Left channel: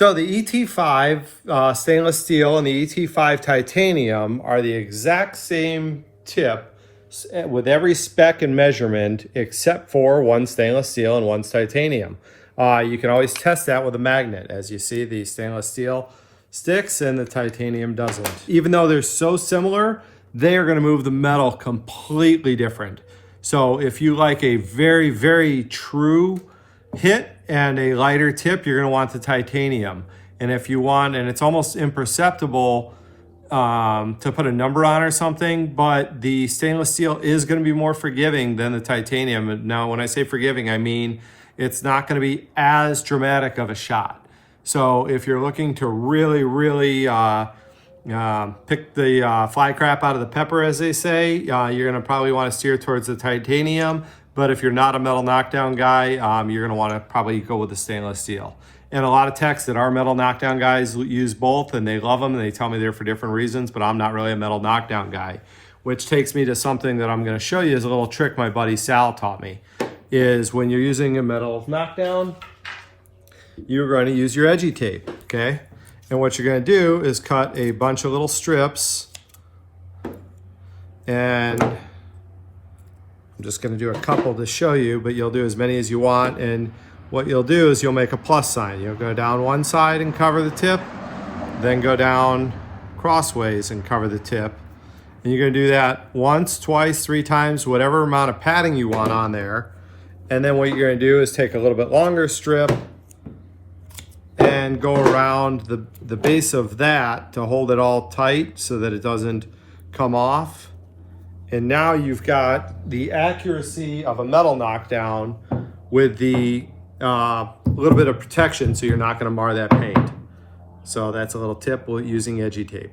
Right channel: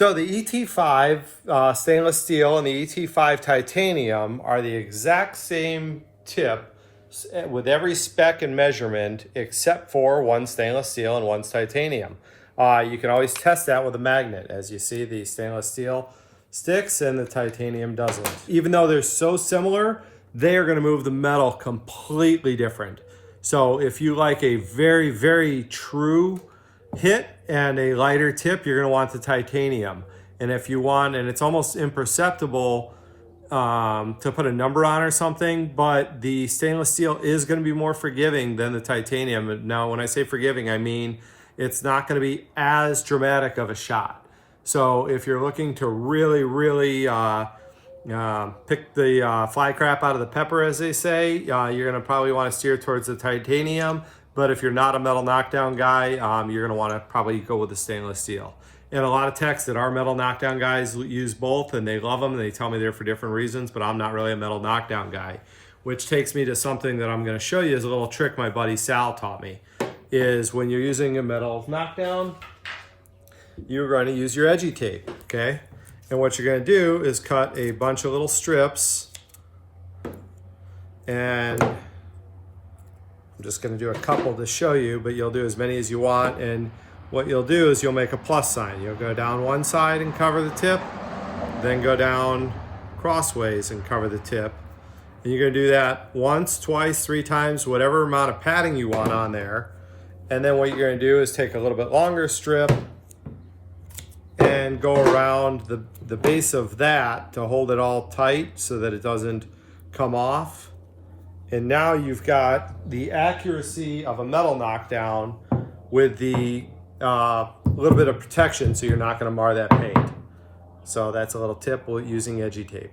So the ET-5 stainless steel and the ET-5 titanium are the exact same tip with every spec and measurement except for one stainless steel and one's titanium. You can always test that with a magnet. As you see, the stainless steel sticks and the titanium doesn't. Even though they're so similar, they are going to move the metal completely different. So if you like a very, very true hit and a lighter tip, you're going to want the titanium. And if you want, and it's almost imperceptible to put a number on or something, but the stainless steel is going to be more forgiving than the titanium. Now, when I say forgiving, I mean it's not going to be as dramatic of a shot. So if you're looking to really, really pick the fly crap out of the pepper, as they say, you're going to probably want to steer towards the titanium. But if you're not a metal knockdown guy, you're going to want to probably go with the stainless steel. And a lot of techs that are metal knockdown guys use both, and they love them, and they tell me they're for different reasons, but I'm not really a metal knockdown guy. Which takes me to something that I'm going to show you as a little trick my buddy Sal taught me. Is when you're using a metal knockdown, you're going to use your edgy tape, okay? And what you're going to do is cut a bunch of little strips, and I'm just going to do a couple to show you, but you'll do as many as you want. And what you'll do is you'll make a plus sign. You'll go down one side and cover the tip, then go down crossways and cover the tip. And you're going to do that once, twice, 3 times, whatever amount of padding you want on there. And then what you're going to do is take a little bit longer strip and go around the base of that to hold it all tight so that it doesn't come off. And now you've got the accuracy of a metal knockdown with the little bit of protection so you're not going to mar that paint. So that's a little tip using edgy tape.